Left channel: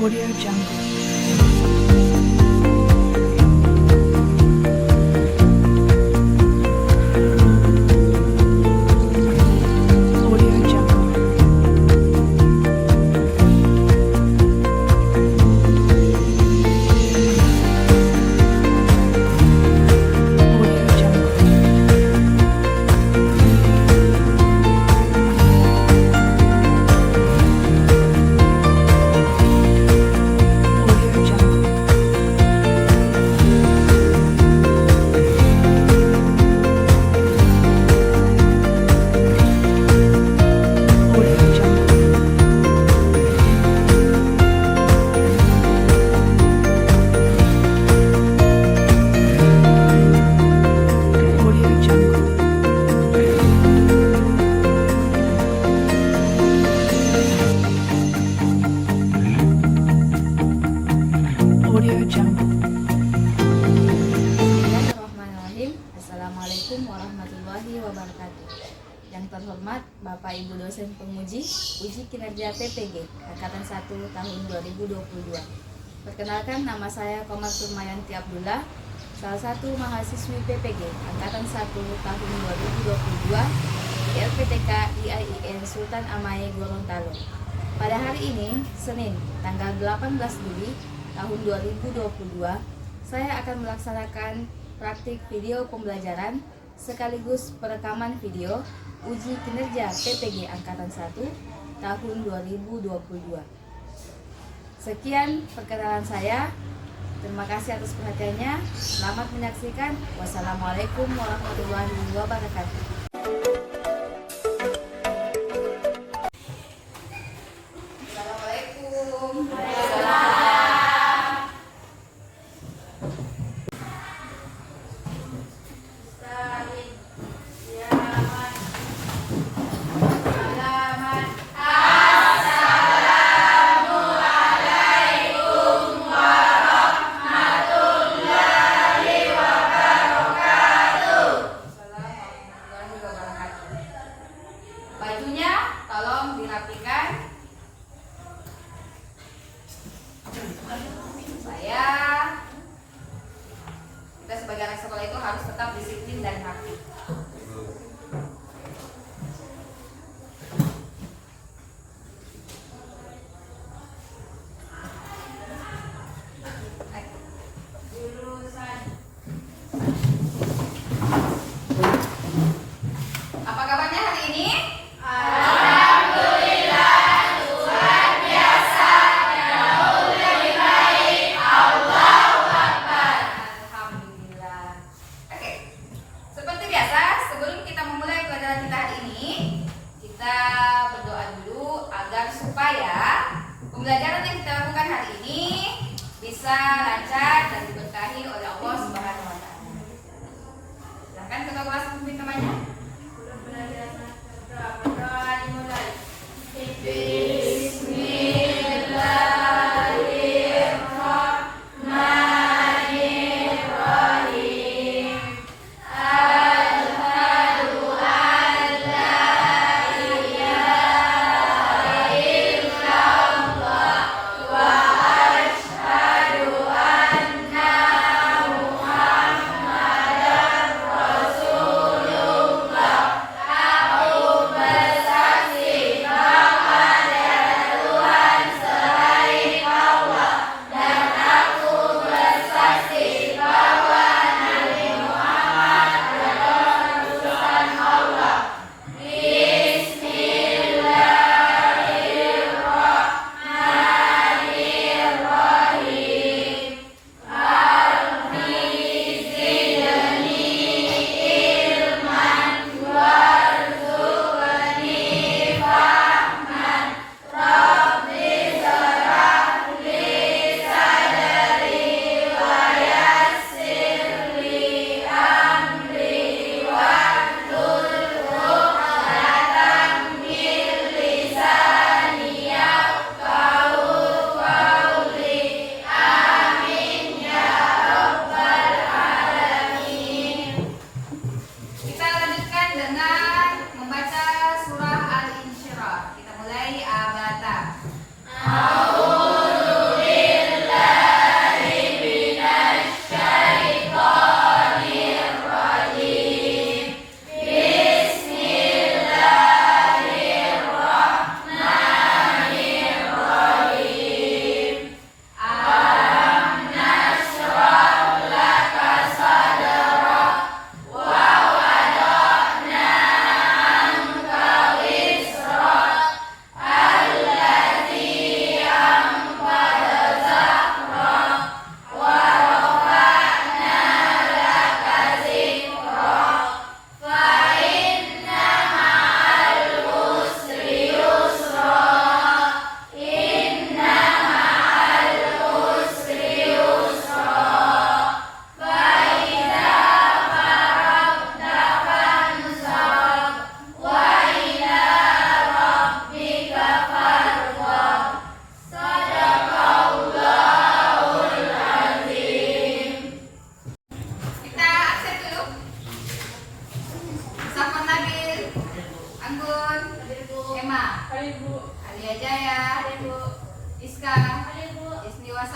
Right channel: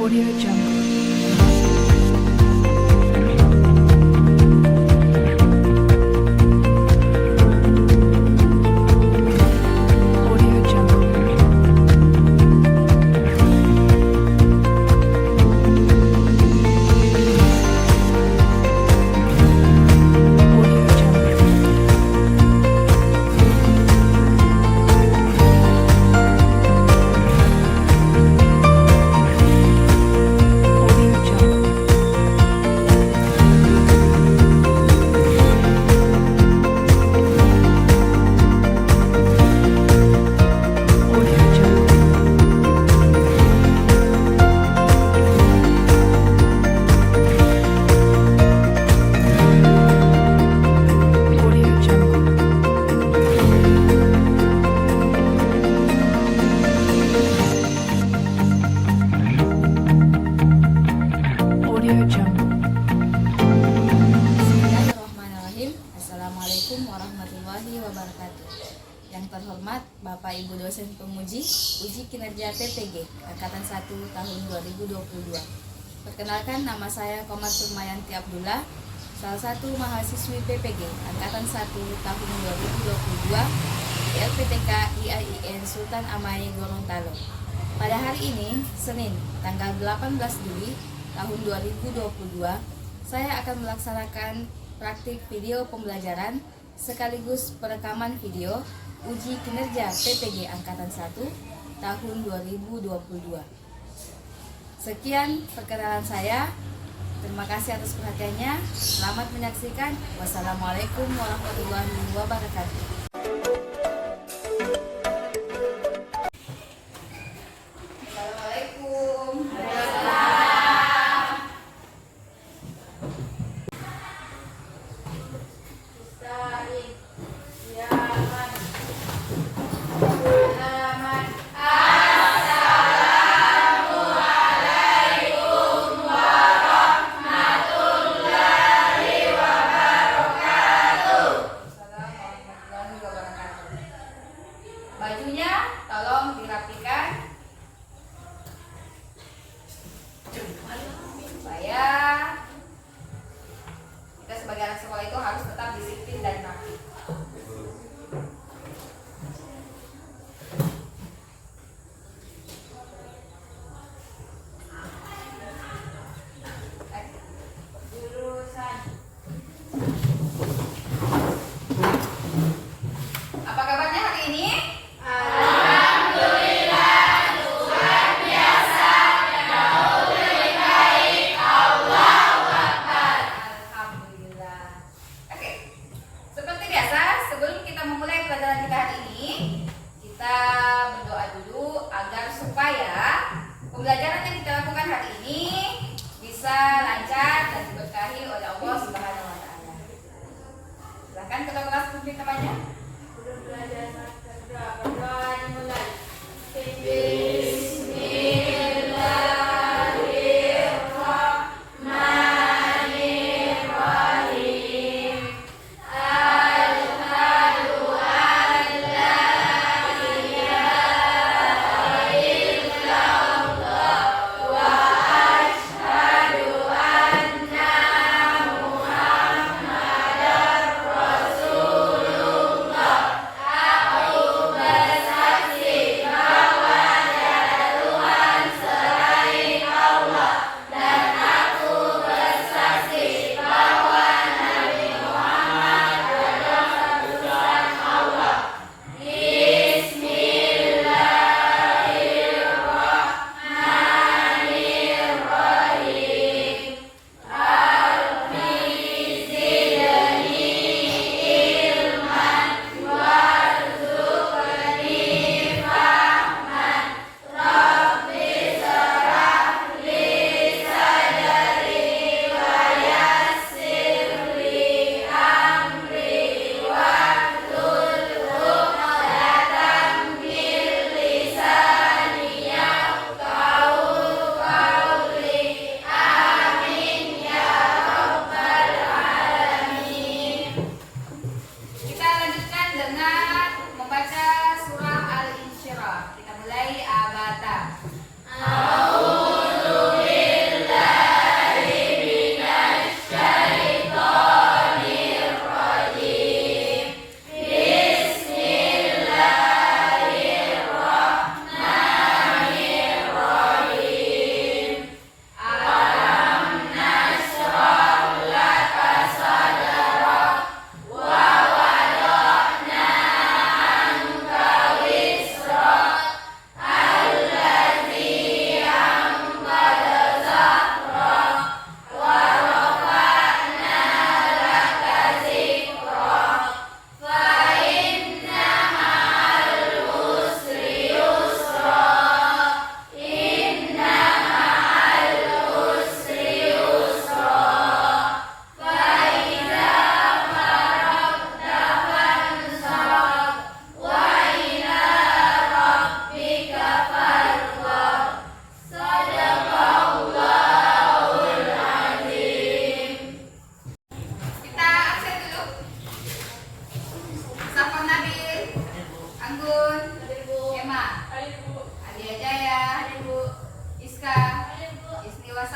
Audio Jungle. Audio Jungle. Audio Jungle. Audio Jungle. Audio Jungle. Audio Jungle. Audio Jungle. Bismillahirrahmanirrahim. Assalamualaikum warahmatullahi wabarakatuh. Yang terhormat Bapak Ibu dosen penguji uji kinerja PPG Angkatan 1 tahun 2022. Perkenalkan, nama saya Komar Surmayanti Abdullah, salah satu mahasiswi PPG Angkatan 1 tahun 2022 di LPTK IAIN Sultan Amai Gorontalo. Pada hari ini, Senin, tanggal 18 Juli tahun 2022, saya akan melaksanakan praktik video pembelajaran sekaligus perekaman video uji kinerja PPG Angkatan 1 tahun 2022. Sekian perkenalan saya. Terima kasih atas perhatiannya. Selamat menyaksikan. Wassalamualaikum warahmatullahi wabarakatuh. Assalamualaikum. Bajunya tolong dirapikan supaya kita sebagai anak sekolah itu harus tetap disiplin dan rapi. Apa kabarnya hari ini? Alhamdulillah. Oke. Seperti biasa, sebelum kita memulai pelajaran kita hari ini, kita berdoa dulu agar supaya pembelajaran yang kita lakukan hari ini bisa lancar dan diberkahi oleh Allah Subhanahu wa taala. Silakan kedua kelas memimpin temannya. Berdoa dimulai. Bismillahirrahmanirrahim. Asyhadu an la ilaha illallah wa asyhadu anna Muhammadar Rasulullah. Aku bersaksi bahwa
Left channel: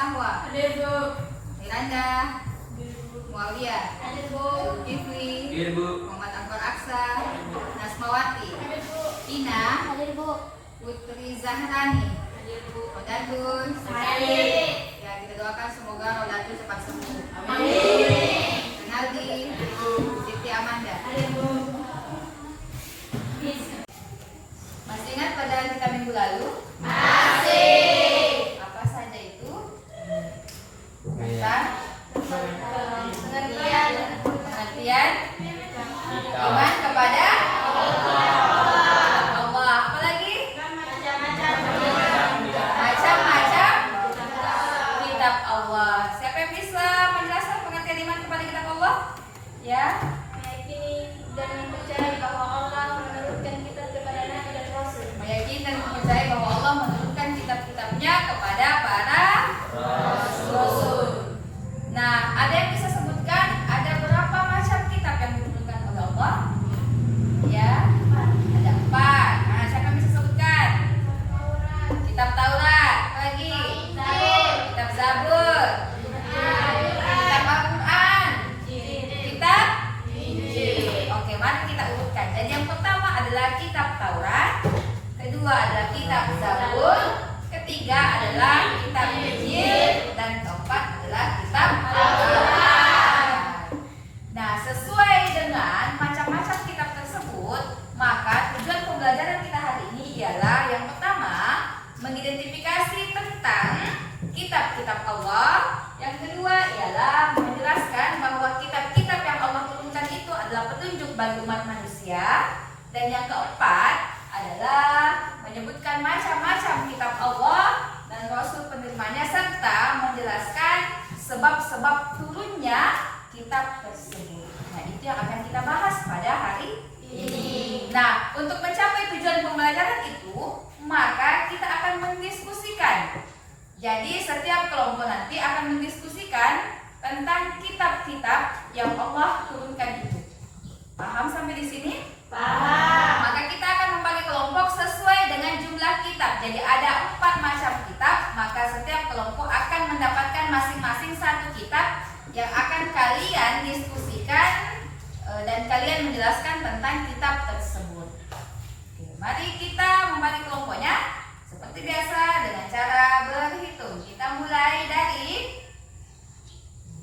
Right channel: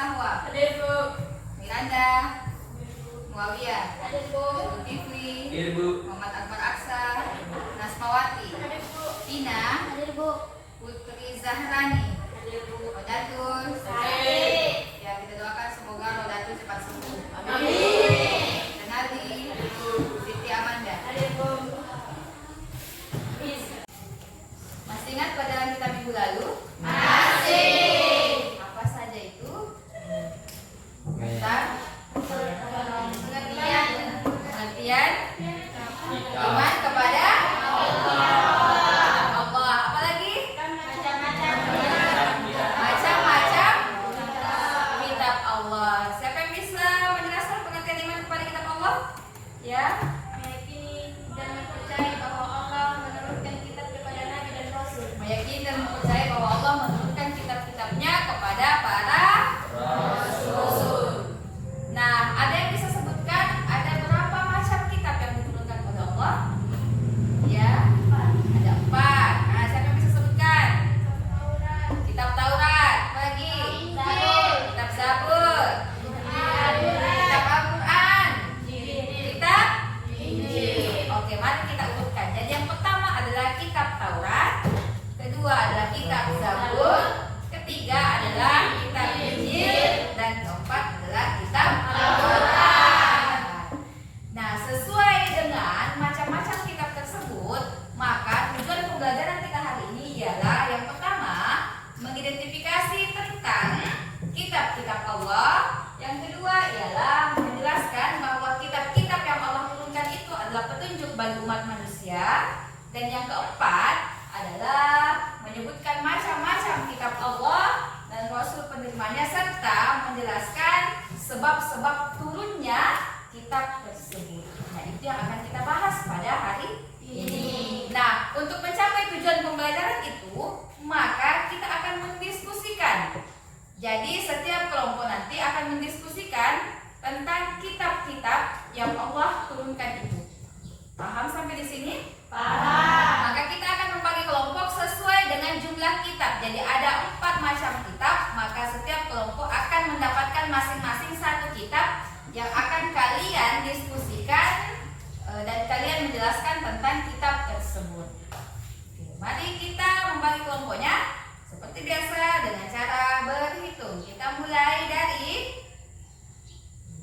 Nahwa. Hadir Bu. Miranda. Muawiyah. Hadir Bu. Zulkifli. Hadir Bu. Muhammad Akbar Aksa. Nasmawati. Hadir Bu. Tina. Hadir Bu. Putri Zahrani. Hadir Bu. Rodatun. Hadir. Ya, kita doakan semoga Rodatun cepat sembuh. Amin. Renaldi. Siti Amanda. Hadir Bu. Masih ingat pelajaran kita minggu lalu? Masih. Apa saja itu? Tentang pengertian iman kepada Allah. Apa lagi? Macam-macam kitab Allah. Siapa yang bisa menjelaskan pengertian iman kepada kitab Allah? Ya. Meyakini dan mempercayai bahwa Allah menurunkan kitab kepada Nabi dan Rasul. Meyakini dan mempercayai bahwa Allah menurunkan kitab-kitabnya kepada para rasul. Nah, ada yang bisa sebutkan ada berapa macam kitab yang diturunkan oleh Allah? Ya, ada 4. Nah, siapa yang bisa sebutkan? Kitab Taurat, apa lagi? Kitab Zabur, kitab Al-Quran, kitab Injil. Oke, mari kita urutkan. Jadi yang pertama adalah kitab Taurat, kedua adalah kitab Zabur, ketiga adalah kitab Injil, dan keempat adalah kitab Al-Quran. Nah, sesuai dengan macam-macam kitab tersebut, maka tujuan pembelajaran kita hari ini ialah yang pertama, mengidentifikasi tentang kitab-kitab Allah. Yang kedua ialah menjelaskan bahwa kitab-kitab yang Allah turunkan itu adalah petunjuk bagi umat manusia. Dan yang keempat adalah menyebutkan macam-macam kitab Allah dan Rasul penerimanya, serta menjelaskan sebab-sebab turunnya kitab tersebut. Nah, itu yang akan kita bahas pada hari ini. Nah, untuk mencapai tujuan pembelajaran itu, maka kita akan mendiskusikan. Jadi setiap kelompok nanti akan mendiskusikan tentang kitab-kitab yang Allah turunkan itu. Paham sampai di sini? Paham. Maka kita akan membagi kelompok sesuai dengan jumlah kitab. Jadi ada 4 macam kitab, maka setiap kelompok akan mendapatkan masing-masing 1 kitab yang akan kalian diskusikan dan kalian menjelaskan tentang kitab tersebut. Oke, mari kita membagi kelompoknya seperti biasa dengan cara berhitung. Kita mulai dari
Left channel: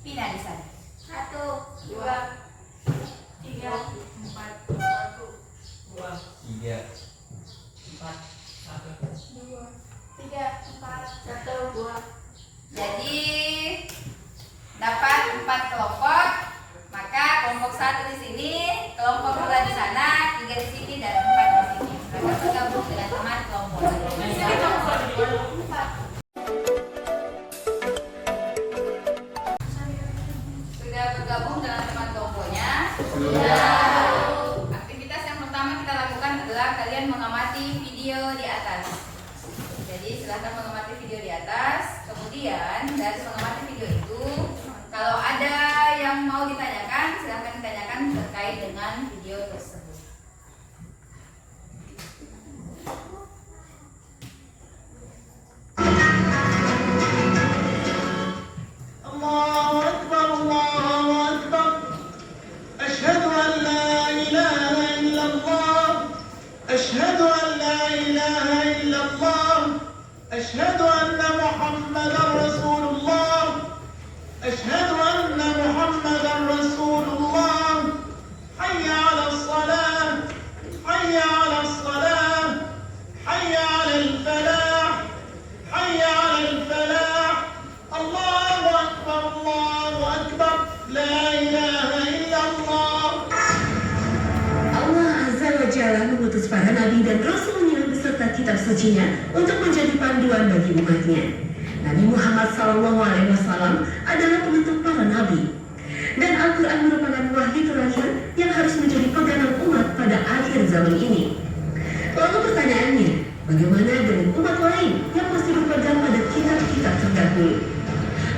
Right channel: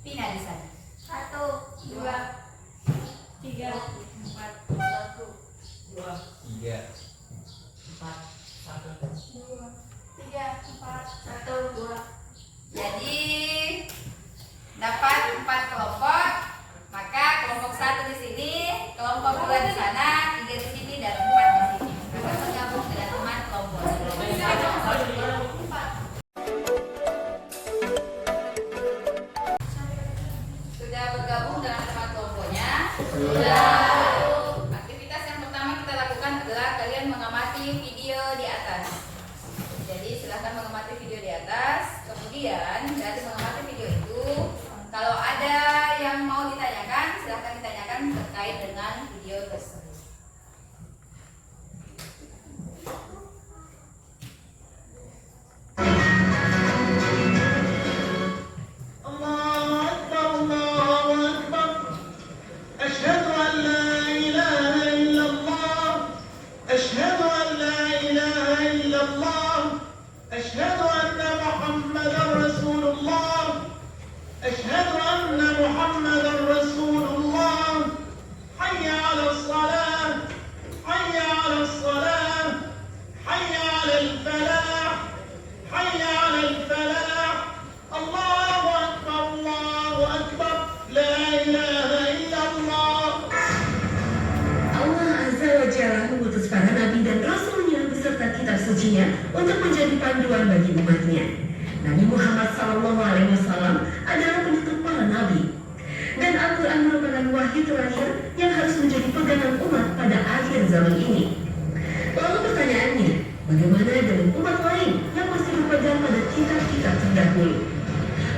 Pina di sana. 1, 2, 3, 4, 1, 2, 3, 4, 1. 2, 3, 4, 1, 2. Jadi dapat 4 kelompok. Maka kelompok 1 di sini, kelompok 2 di sana, 3 di sini, dan 4 di sini. Mereka bergabung dengan teman kelompok. Sudah bergabung dengan teman kelompoknya? Aktivitas yang pertama kita lakukan adalah kalian mengamati video di atas. Jadi silahkan mengamati video di atas. Kemudian dari mengamati video itu, kalau ada yang mau ditanyakan, silahkan ditanyakan terkait dengan video tersebut. الله أكبر الله أكبر أشهد أن لا إله إلا الله أشهد أن لا إله إلا الله أشهد أن محمدا رسول الله أشهد أن محمدا رسول الله حي على الصلاة حي على الصلاة حي على الفلاح حي على الفلاح الله أكبر لا إله إلا الله. Allah Azza wa Jalla mengutus para nabi dan rasulnya beserta kitab sucinya untuk menjadi panduan bagi umatnya. Nabi Muhammad SAW adalah penutup para nabi. Dan Al-Quran merupakan wahyu terakhir yang harus menjadi pegangan umat pada akhir zaman ini. Lalu pertanyaannya, bagaimana dengan umat lain yang masih berpegang pada kitab-kitab terdahulu?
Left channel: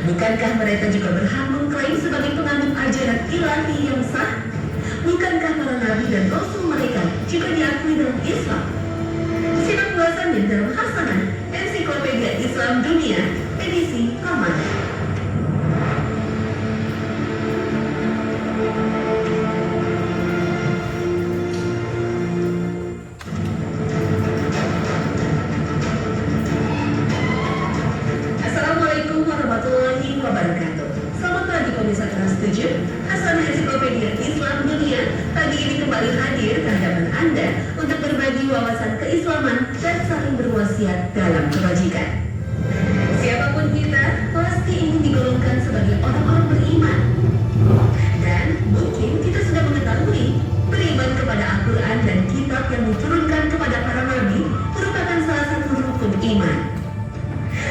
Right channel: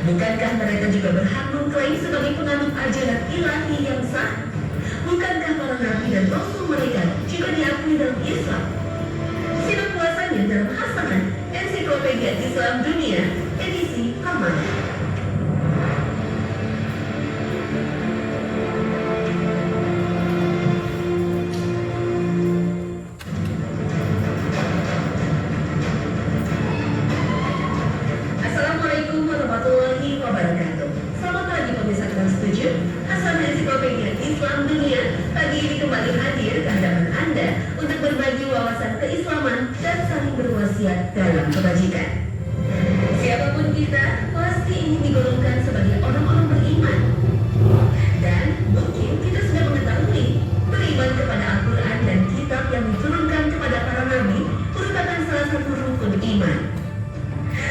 Bukankah mereka juga berhak mengklaim sebagai pengandung ajaran ilahi yang sah? Bukankah para nabi dan rasul mereka juga diakui dalam Islam? Simak ulasannya dalam Hasanah Ensiklopedia Islam Dunia edisi Ramadan. Hasan Ensiklopedia Islam Dunia pagi ini kembali hadir ke hadapan Anda untuk berbagi wawasan keislaman dan saling berwasiat dalam kebajikan. Siapapun kita, pasti ingin digolongkan sebagai orang-orang beriman. Dan mungkin kita sudah mengetahui, beriman kepada Al-Quran dan kitab yang diturunkan kepada para nabi merupakan salah satu rukun iman.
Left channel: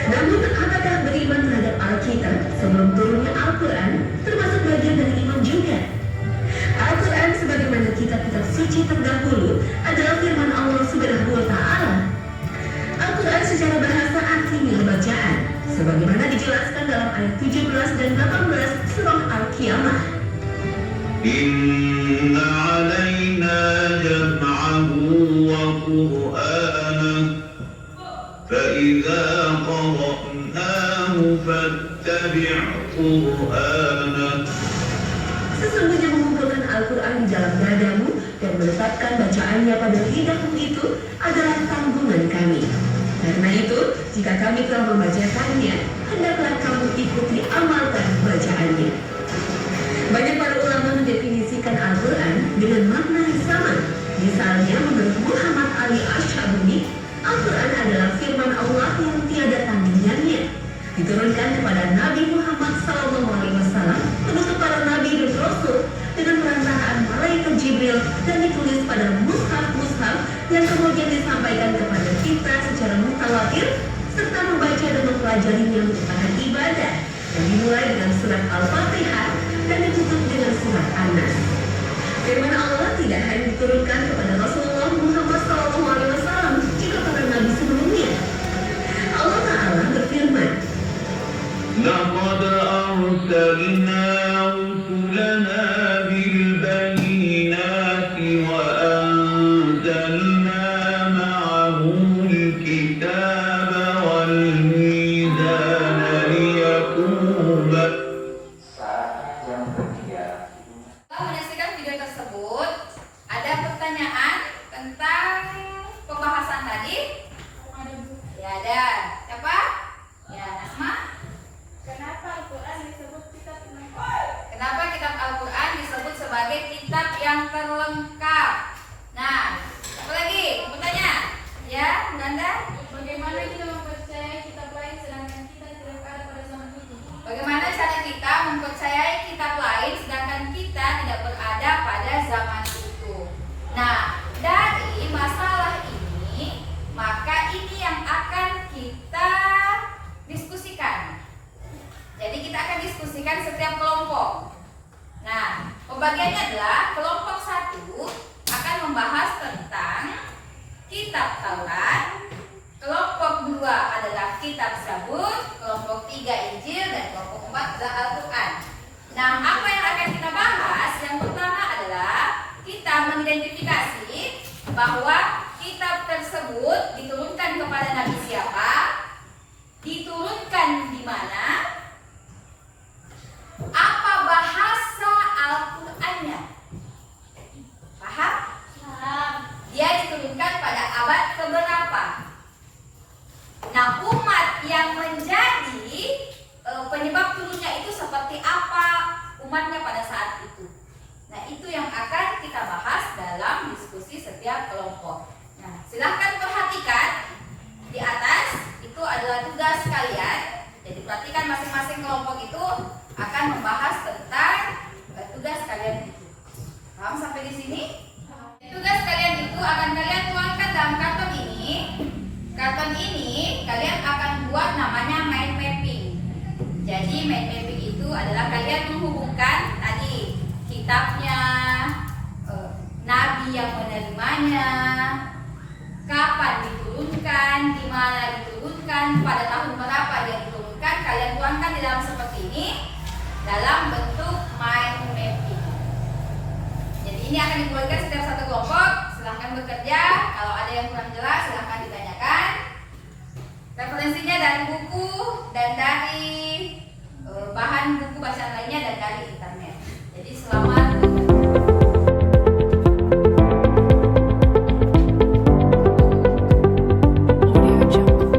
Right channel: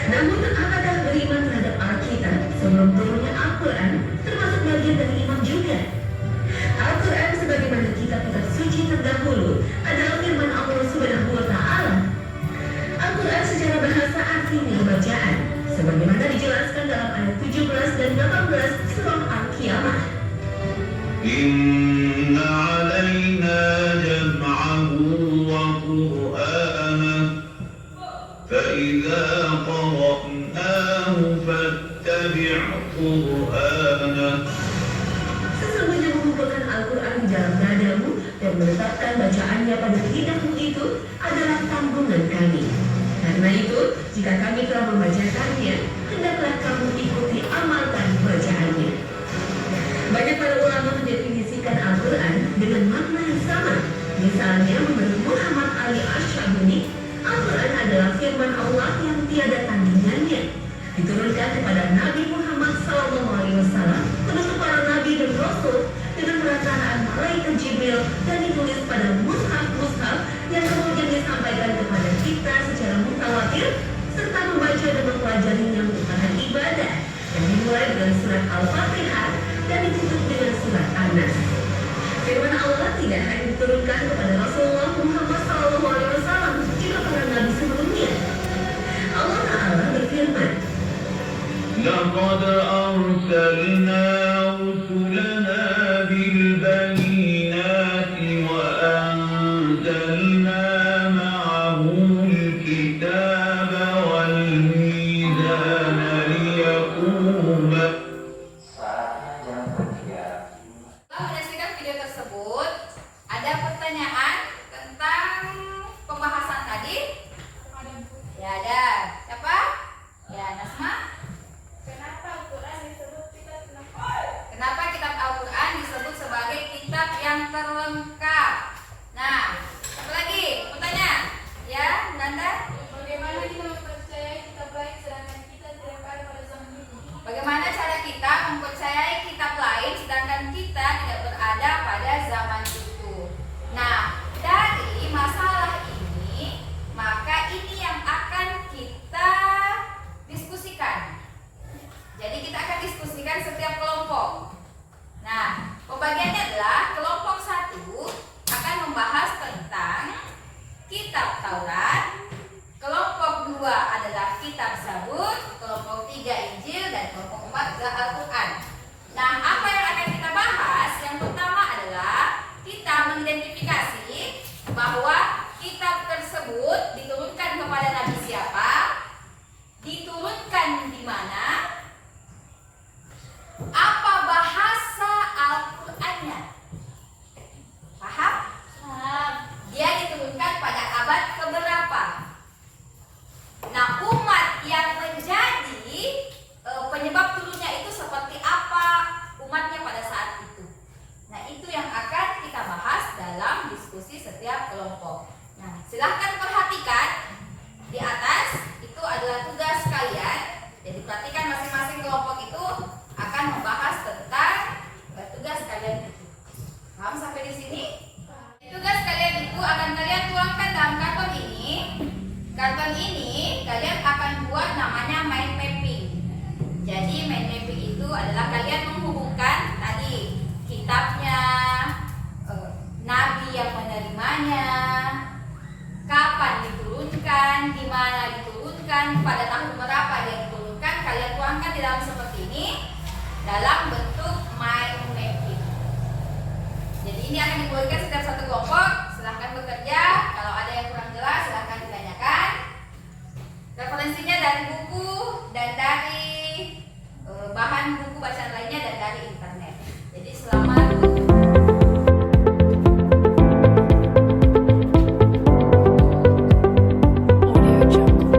Namun, apakah beriman terhadap Alkitab sebelum turunnya Al-Quran termasuk bagian dari iman juga? Al-Quran sebagaimana kitab-kitab suci terdahulu adalah firman Allah Subhanahu wa Ta'ala. Al-Quran secara bahasa artinya bacaan, sebagaimana dijelaskan dalam ayat 17 dan 18 surah Al-Qiyamah. Inna alaina jam'ahu wa qur'anah فإذا قرأناه فاتبع قرآنه. Sesungguhnya mengumpulkan Al-Quran di dalam dadamu dan menetapkan bacaannya pada lidahmu itu adalah tanggungan kami. Karena itu, jika kami telah membacakannya, hendaklah kamu ikuti amalkan bacaannya. Banyak para ulama mendefinisikan Al-Quran dengan makna yang sama. Misalnya, menurut Muhammad Ali Ash-Shabuni, Al-Quran adalah firman Allah yang tiada tandingannya, diturunkan kepada Nabi Muhammad SAW, penutup para nabi dan rasul, dengan perantaraan malaikat Jibril dan ditulis pada mushaf-mushaf yang kemudian disampaikan kepada kita secara mutawatir, serta membaca dan mempelajarinya merupakan ibadah yang dimulai dengan surat Al-Fatihah dan ditutup dengan surat An-Nas. Firman Allah tidak hanya diturunkan kepada Rasulullah Muhammad SAW, juga para nabi sebelumnya. Allah Ta'ala berfirman, لقد أرسلنا رسلنا بالبينات وأنزلنا معهم الكتاب والميزان ليقوم. Saat yang ketiga. Setelah menyaksikan video tersebut, ada pertanyaan tentang pembahasan tadi? Ya ada. Siapa? Ya, Nasma. Kenapa Al-Quran disebut kitab lengkap? Kenapa kitab Al-Quran disebut sebagai kitab yang terlengkap? Nah, apa lagi? Mau tanya? Ya, Ganda? Bagaimana kita mempercayai kitab lain sedangkan kita tidak ada pada zaman itu? Bagaimana cara kita mempercayai kitab lain sedangkan kita tidak berada pada zaman itu? Nah, dari masalah ini, maka ini yang akan kita diskusikan. Jadi kita akan diskusikan setiap kelompok. Nah, pembagiannya adalah kelompok 1 akan membahas tentang kitab Taurat, kelompok 2 adalah kitab Zabur, kelompok 3 Injil, dan kelompok 4 adalah Al-Quran. Nah, apa yang akan kita bahas? Yang pertama adalah kita mengidentifikasi bahwa kitab tersebut diturunkan kepada Nabi siapa, diturunkan di mana, apa bahasa Al-Qur'annya. Paham? Dia diturunkan pada abad keberapa. Nah, umat yang menjadi penyebab turunnya itu seperti apa umatnya pada saat itu. Nah, itu yang akan kita bahas dalam diskusi setiap kelompok. Nah, silahkan perhatikan di atas, itu adalah tugas kalian. Jadi perhatikan masing-masing kelompok itu akan membahas tentang tugas kalian itu. Paham sampai di sini? Tugas kalian itu akan kalian tuangkan dalam karton ini. Karton ini kalian akan buat namanya mind mapping. Jadi mind mapping itu adalah kalian menghubungkan tadi kitabnya, nabi yang menerimanya, kapan diturunkan, di mana diturunkan, pada tahun berapa dia diturunkan. Kalian tuangkan di dalam seperti ini dalam bentuk mind mapping. Jadi ini akan dibuatkan setiap satu kelompok. Silahkan bekerja. Kalau ada yang kurang jelas silahkan ditanyakan. Referensinya dari buku dan dari bahan buku bacaan lainnya dan dari internet. Jadi selamat Audio Jungle.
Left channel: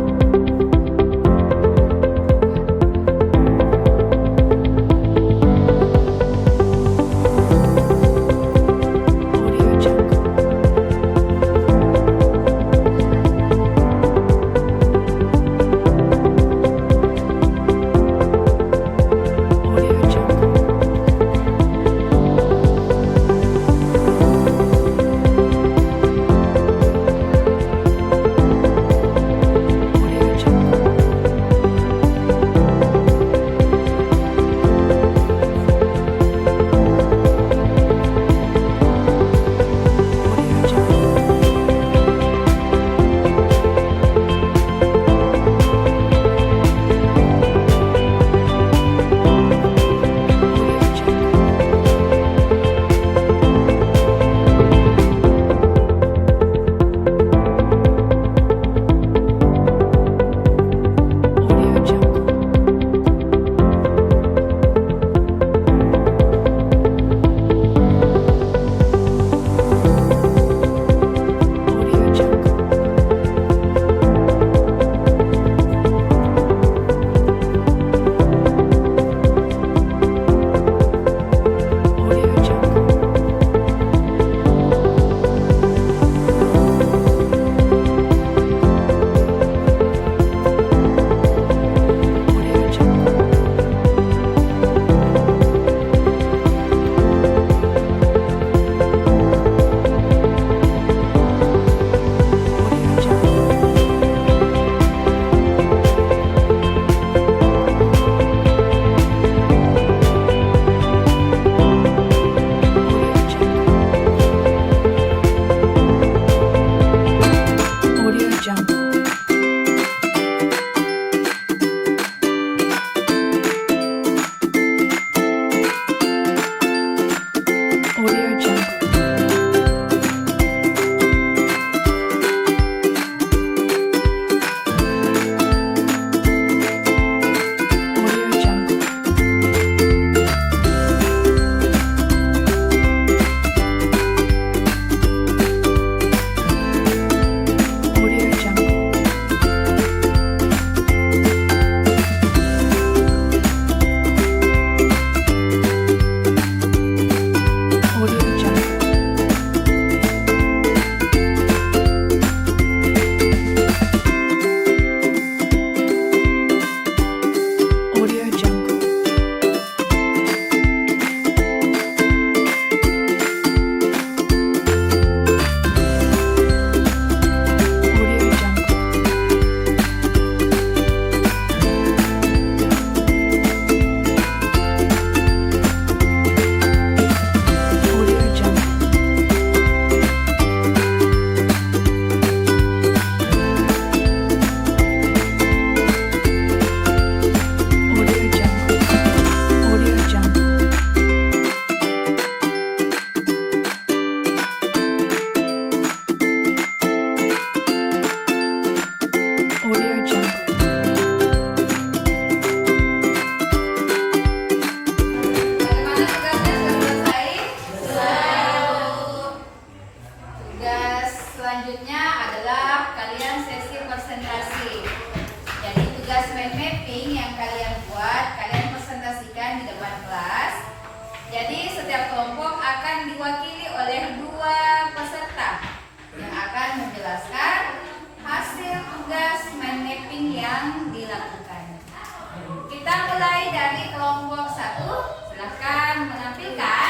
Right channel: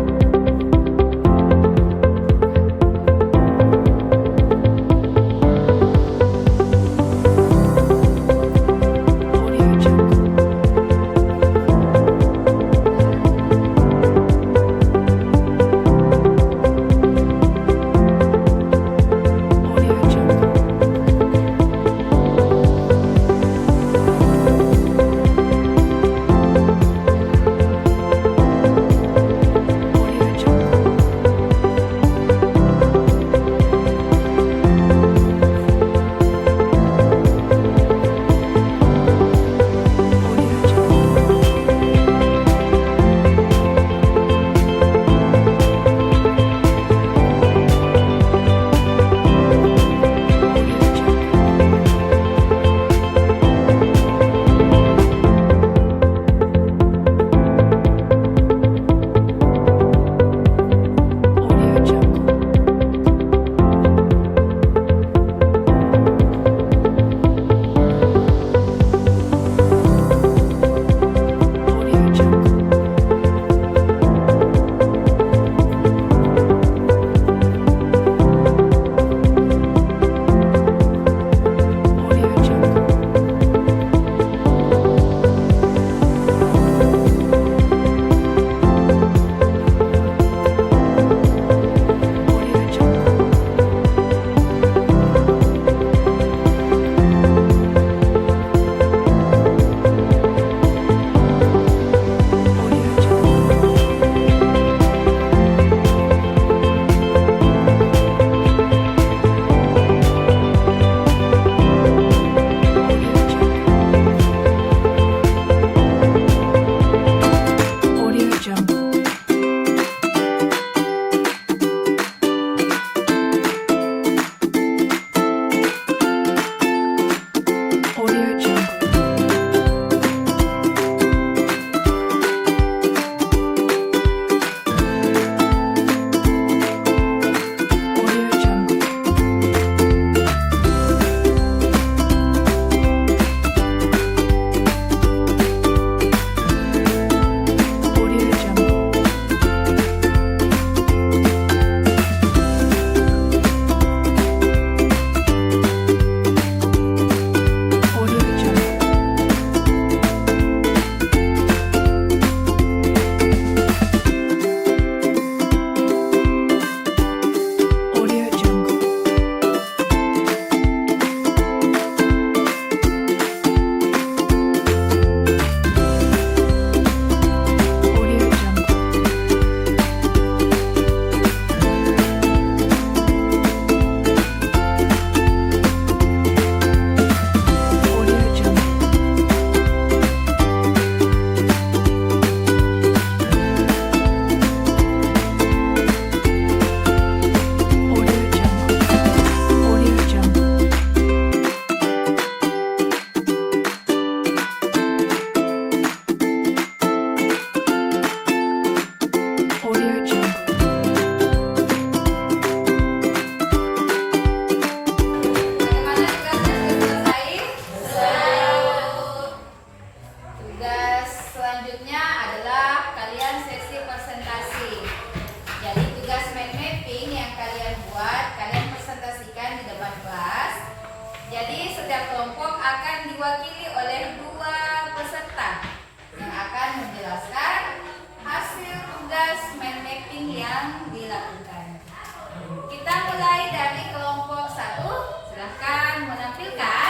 Kita mulai dari kelompok 1. Silahkan menampilkan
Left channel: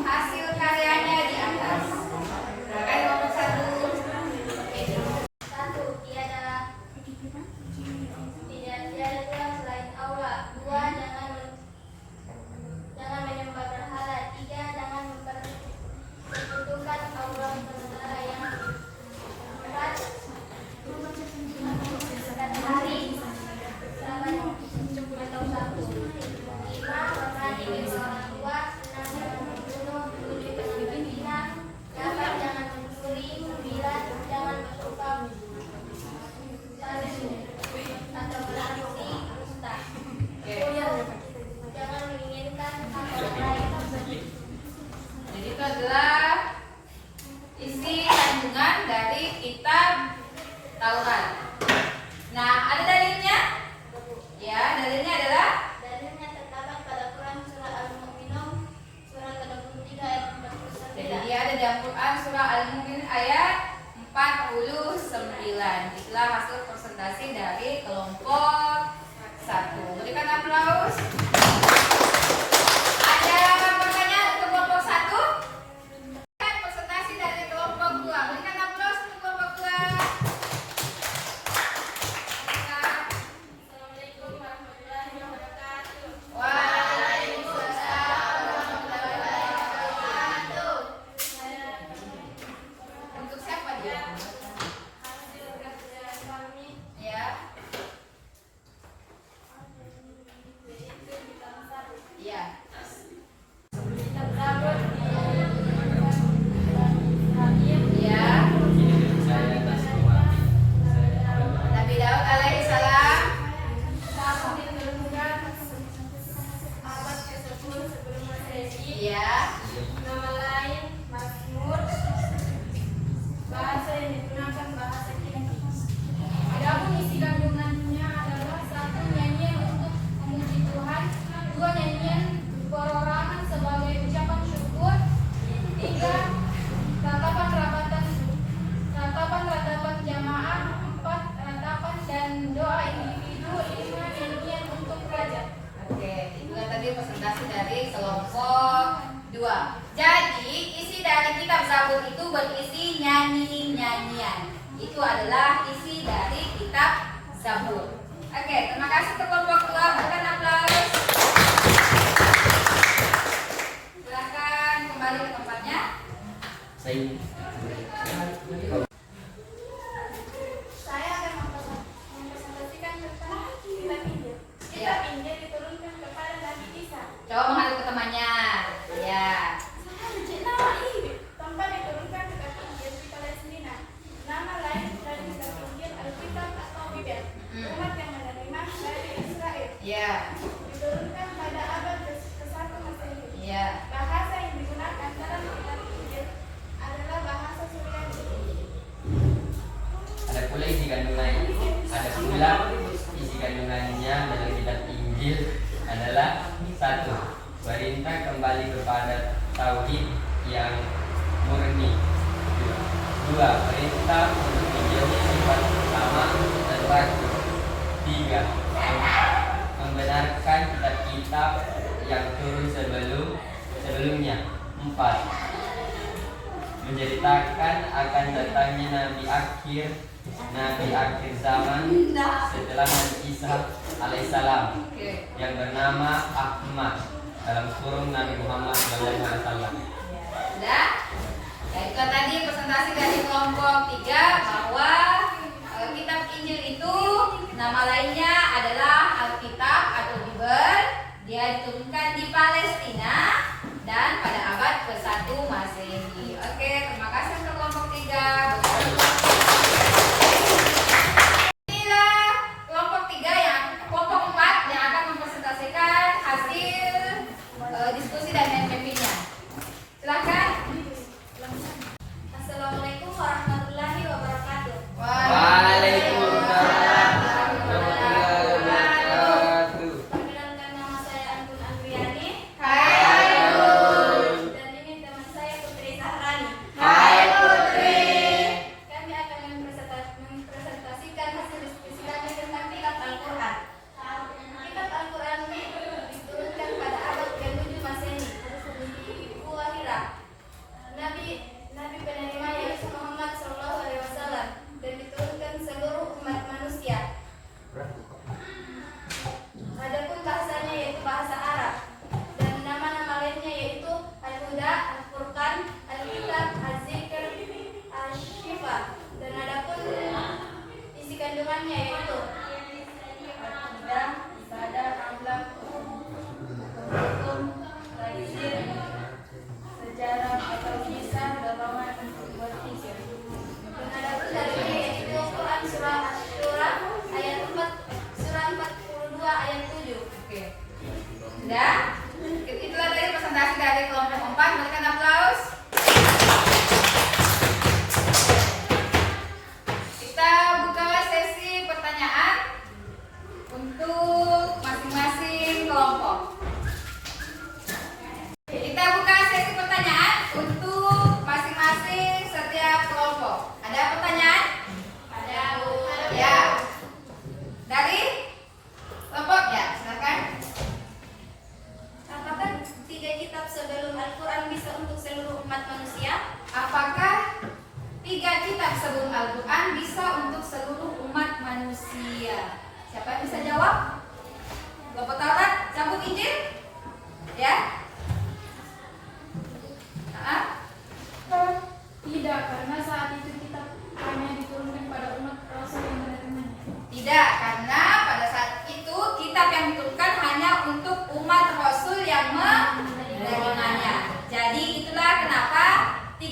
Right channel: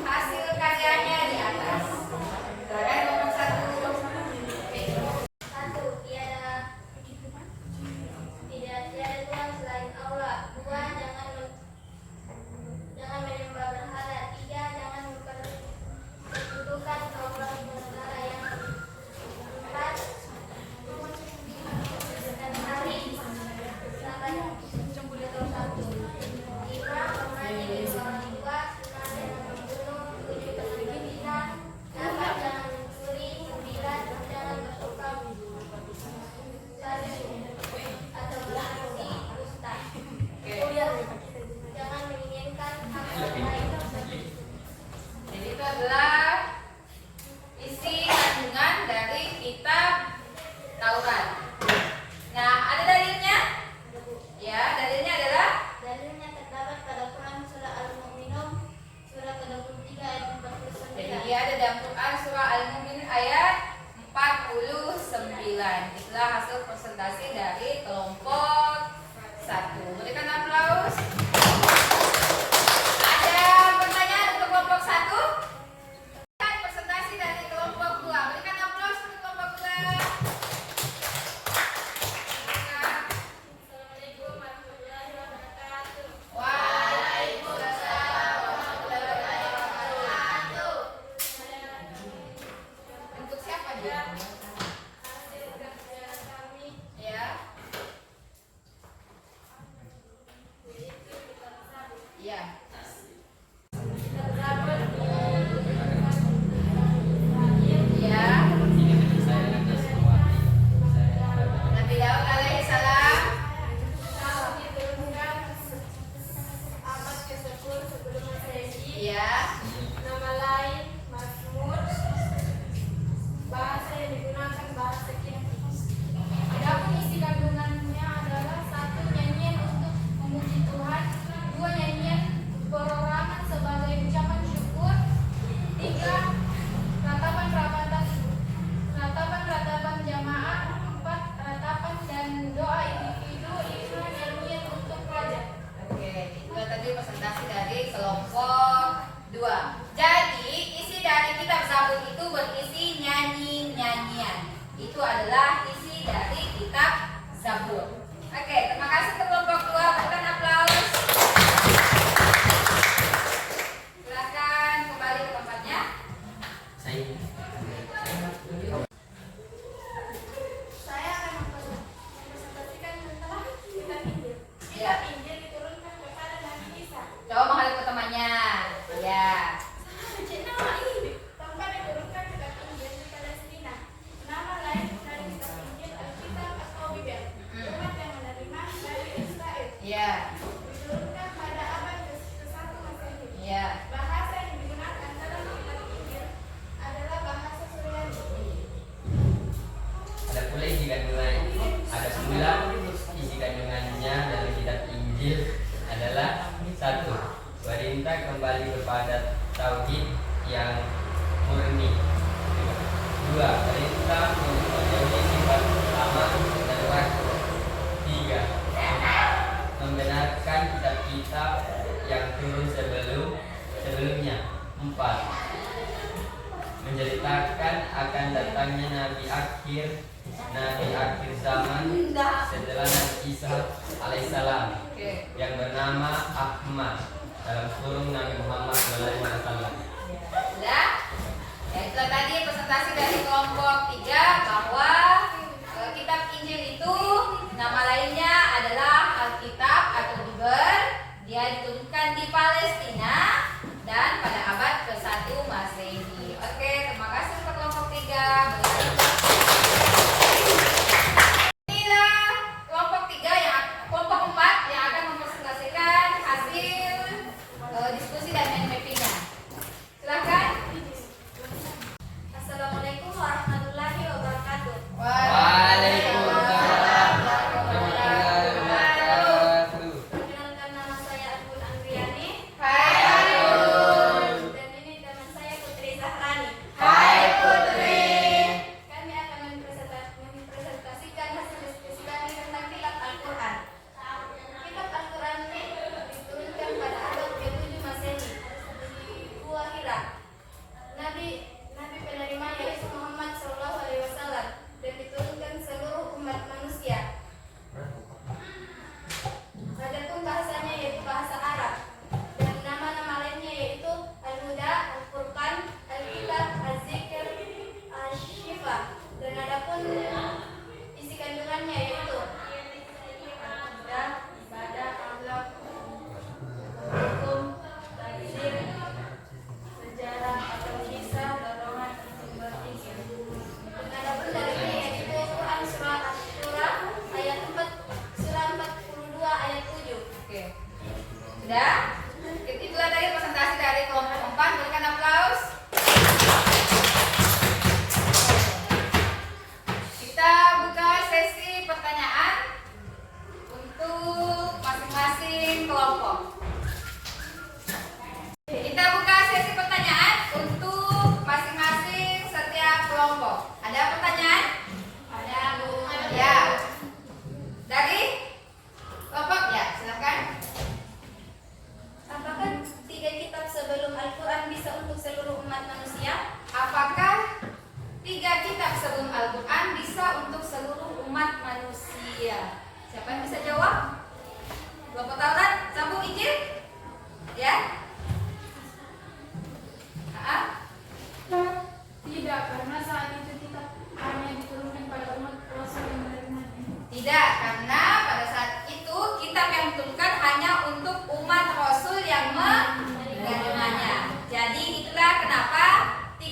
hasil karyanya di atas. Silakan kelompok 1. Satu, tiada Tuhan selain Allah. Dua, jangan menyembah berhala. Tiga, jangan mempersekutukan Allah saudara. Yang empat, sekitar hari selama 21. Lima, hormati kedua orang tua. Enam, jangan membunuh. Tujuh, jangan berzina. Delapan, jangan mencuri. Sembilan, jangan bersuka atau beraksi dusta. Jangan menginginkan hak orang lain. Jadi itu adalah isi kandungan dari kitab Taurat. Nah, ada dalilnya? Ya, dalilnya adalah Dalilnya terdapat pada Quran surah Al-Mu'minun surah ke-23 ayat 49. jadi dia ada dalam Quran surah Al-Mu'min ayat 49. Itulah hasil presentasi dari kelompok 1. Berikan aplaus. Ada pertanyaan untuk kelompok 1? Presentasi dari kelompok 2. Berikan aplaus untuk kelompok 2. Assalamualaikum warahmatullahi wabarakatuh. Waalaikumsalam warahmatullahi wabarakatuh. Untuk siapa dia? Hasil kerjaan kami Ya, yaitu kitab Sabit. iya. Kitab Sabit Iya. Nabi Daud alaihissalam. tahun diturunkan abad ke-10 sebelum Masehi. Iya. Nama lain Mazmur. Bahasa yang digunakan bahasa Kindi. Adapun isi kandungannya adalah satu, nyanyian untuk memuji Tuhan. Dua, nyanyian perorangan sebagai ucapan syukur. Tiga, ratapan jamaah. Empat, ratapan dan doa individu. Lima, nyanyian untuk raja. Oke, itu tadi presentasi dari kelompok 2. Jadi, isi dari kitab Zabur itu berisi nyanyi-nyanyian. Itu adalah isi dari kitab Zabur. Oke, terima kasih untuk kelompok 2. Berikan aplaus. Silakan kembali ke tempatnya. Saya akan mempresentasikan tentang kitab Injil. Iya. Kitab Injil diturunkan kepada Nabi Isa. Coba menghadap ke temannya. Ya. Tempat diturunkan kitab Injil di Palestina. Nama lain dari kitab Injil Alkitab atau Bibel. Umat yang menerima dari Israel. Ya. Diturunkan pada abad ke-1 Masehi. Ya. Bahasa yang digunakan dalam kitab Injil adalah bahasa Suryani. Ada pula isi kandungannya dalam kitab Injil adalah satu, perintah kembali kepada tauhid yang murni. Dua, perintah untuk menjadi sifat utama dan terakhir. Tiga, membenarkan kitab-kitab yang turun sebelumnya. Empat, menceritakan akan datangnya nabi akhir zaman setelah Nabi Isa alaihissalam yang bernama Ahmad dalam kurung Nabi Muhammad SAW. Sudah? Ya, itu tadi presentasi dari kelompok 3 bahwa kitab Injil itu nama lainnya adalah Alkitab atau Bibel. Dia diturunkan di Palestina dan pada abad ke-1 Masehi. Oke, terima kasih untuk kelompok 3. Inilah kelompok 4 yang akan mempresentasikan hasil diskusi dan mappingnya. Silahkan. Assalamualaikum warahmatullahi wabarakatuh. Waalaikumsalam.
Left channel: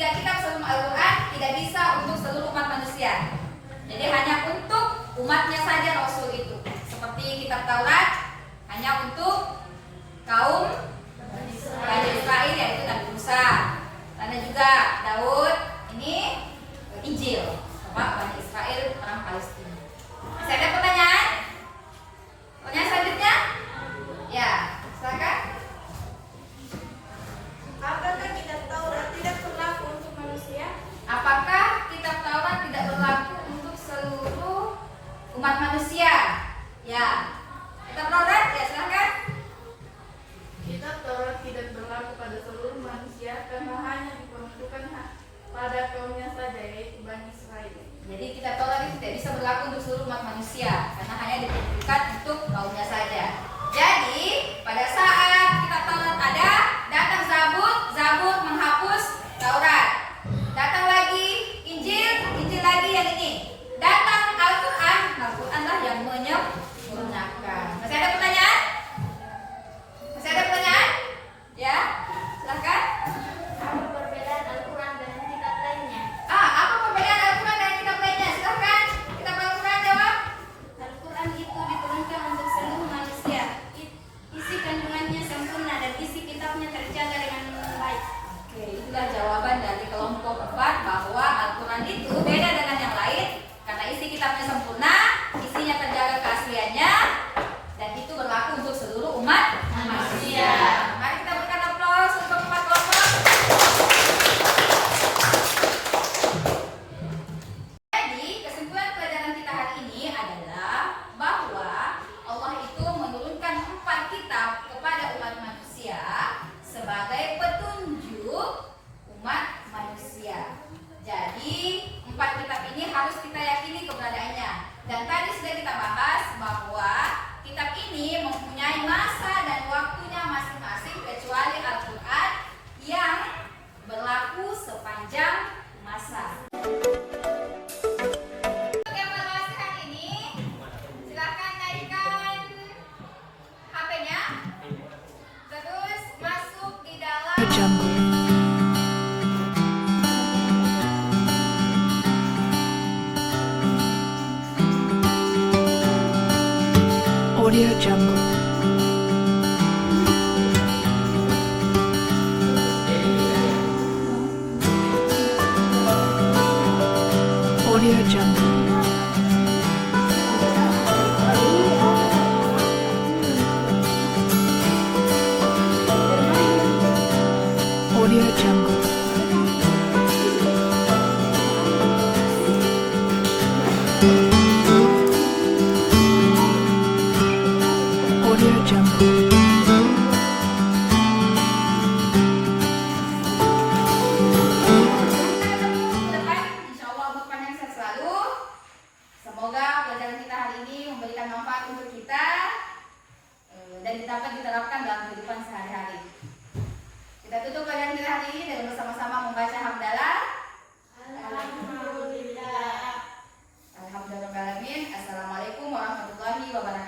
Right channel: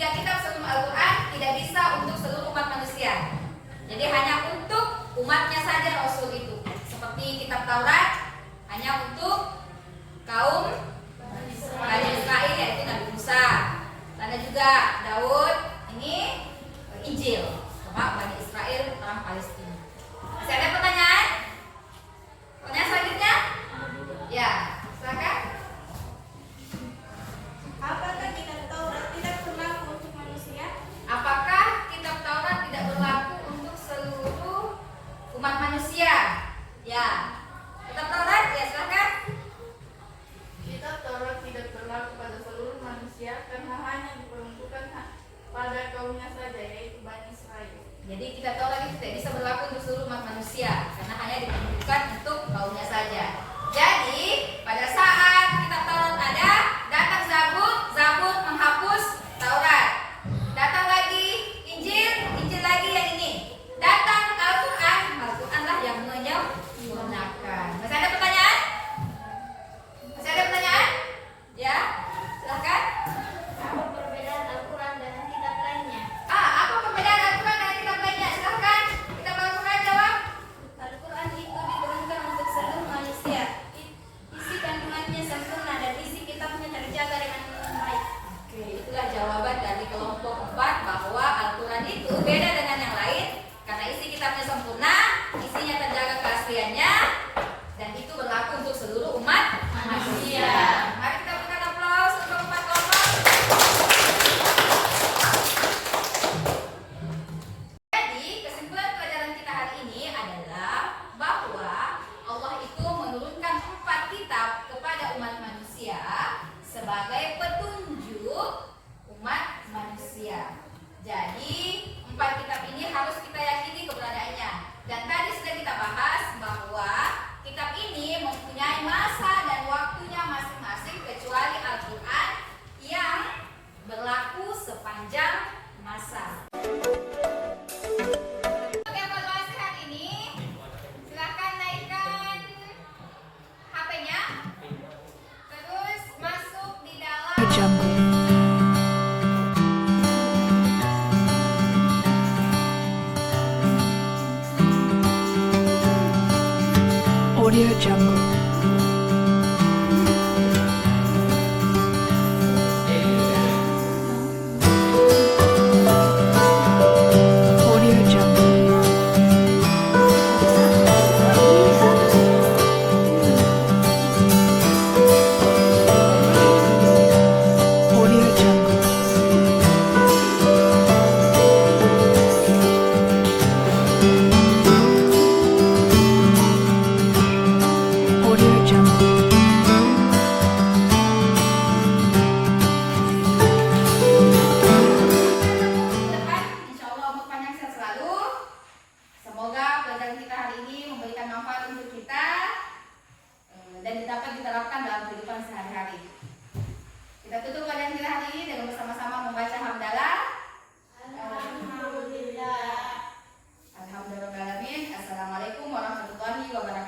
3 kitab sebelum Al-Quran tidak bisa untuk seluruh umat manusia. Jadi hanya untuk umatnya saja Rasul itu. Seperti kitab Taurat hanya untuk kaum Bani Israel, yaitu Nabi Musa. Karena juga Daud ini Injil sama Bani Israel orang Palestina. Masih ada pertanyaan? Pertanyaan selanjutnya? Ya, silakan. Apakah kitab Taurat tidak berlaku untuk manusia? Apakah kitab Taurat tidak berlaku untuk seluruh umat manusia? Ya. Kitab Taurat, ya silakan. Kitab Taurat tidak berlaku pada seluruh manusia karena hanya diperuntukkan pada kaumnya saja, yaitu Bani Israel. Jadi kitab Taurat itu tidak bisa berlaku untuk seluruh umat manusia karena hanya diperuntukkan untuk kaumnya saja. Jadi pada saat kitab Taurat ada, datang Zabur menghapus Taurat. Datang lagi Injil lagi yang ini. Datang Al-Quran lah yang menyempurnakan. Masih ada pertanyaan? Masih ada pertanyaan? Ya, silakan. Apa perbedaan Al-Quran dan kitab lainnya? Apa perbedaan Al-Quran dan kitab lainnya? Silakan. Kitab Al-Quran jawab. Al-Quran itu diturunkan untuk seluruh manusia. Isi kandungannya sempurna dan isi kitabnya terjaga dengan baik. Oke, itulah jawaban dari kelompok 4 bahwa Al-Quran itu beda dengan yang lain karena isi kitabnya sempurna, isinya terjaga keasliannya, dan itu berlaku untuk seluruh umat manusia. Mari kita berikan aplaus untuk 4 kelompok. Jadi, kesimpulan pelajaran kita hari ini adalah bahwa Allah itu menurunkan 4 kitab kepada umat manusia sebagai petunjuk umat manusia. Jadi 4 kitab ini harus kita yakini keberadaannya. Dan tadi sudah kita bahas bahwa kitab ini mempunyai masa dan waktunya masing-masing kecuali Al-Quran yang berlaku sepanjang masa. Untuk evaluasi hari ini, silakan naikkan HP-nya, terus masuk di dalam Jungle. Audio Jungle. Audio Jungle. Audio Jungle. Audio Jungle. Depan, insya Allah umur panjang sehat selalu. Semoga pelajaran kita hari ini memberikan manfaat untuk kita dan dapat diterapkan dalam kehidupan sehari-hari. Kita tutup pelajaran kita hari ini dengan bersama-sama membaca hamdalah. Alhamdulillah. Alhamdulillahirobbilalamin. Assalamualaikum warahmatullahi wabarakatuh.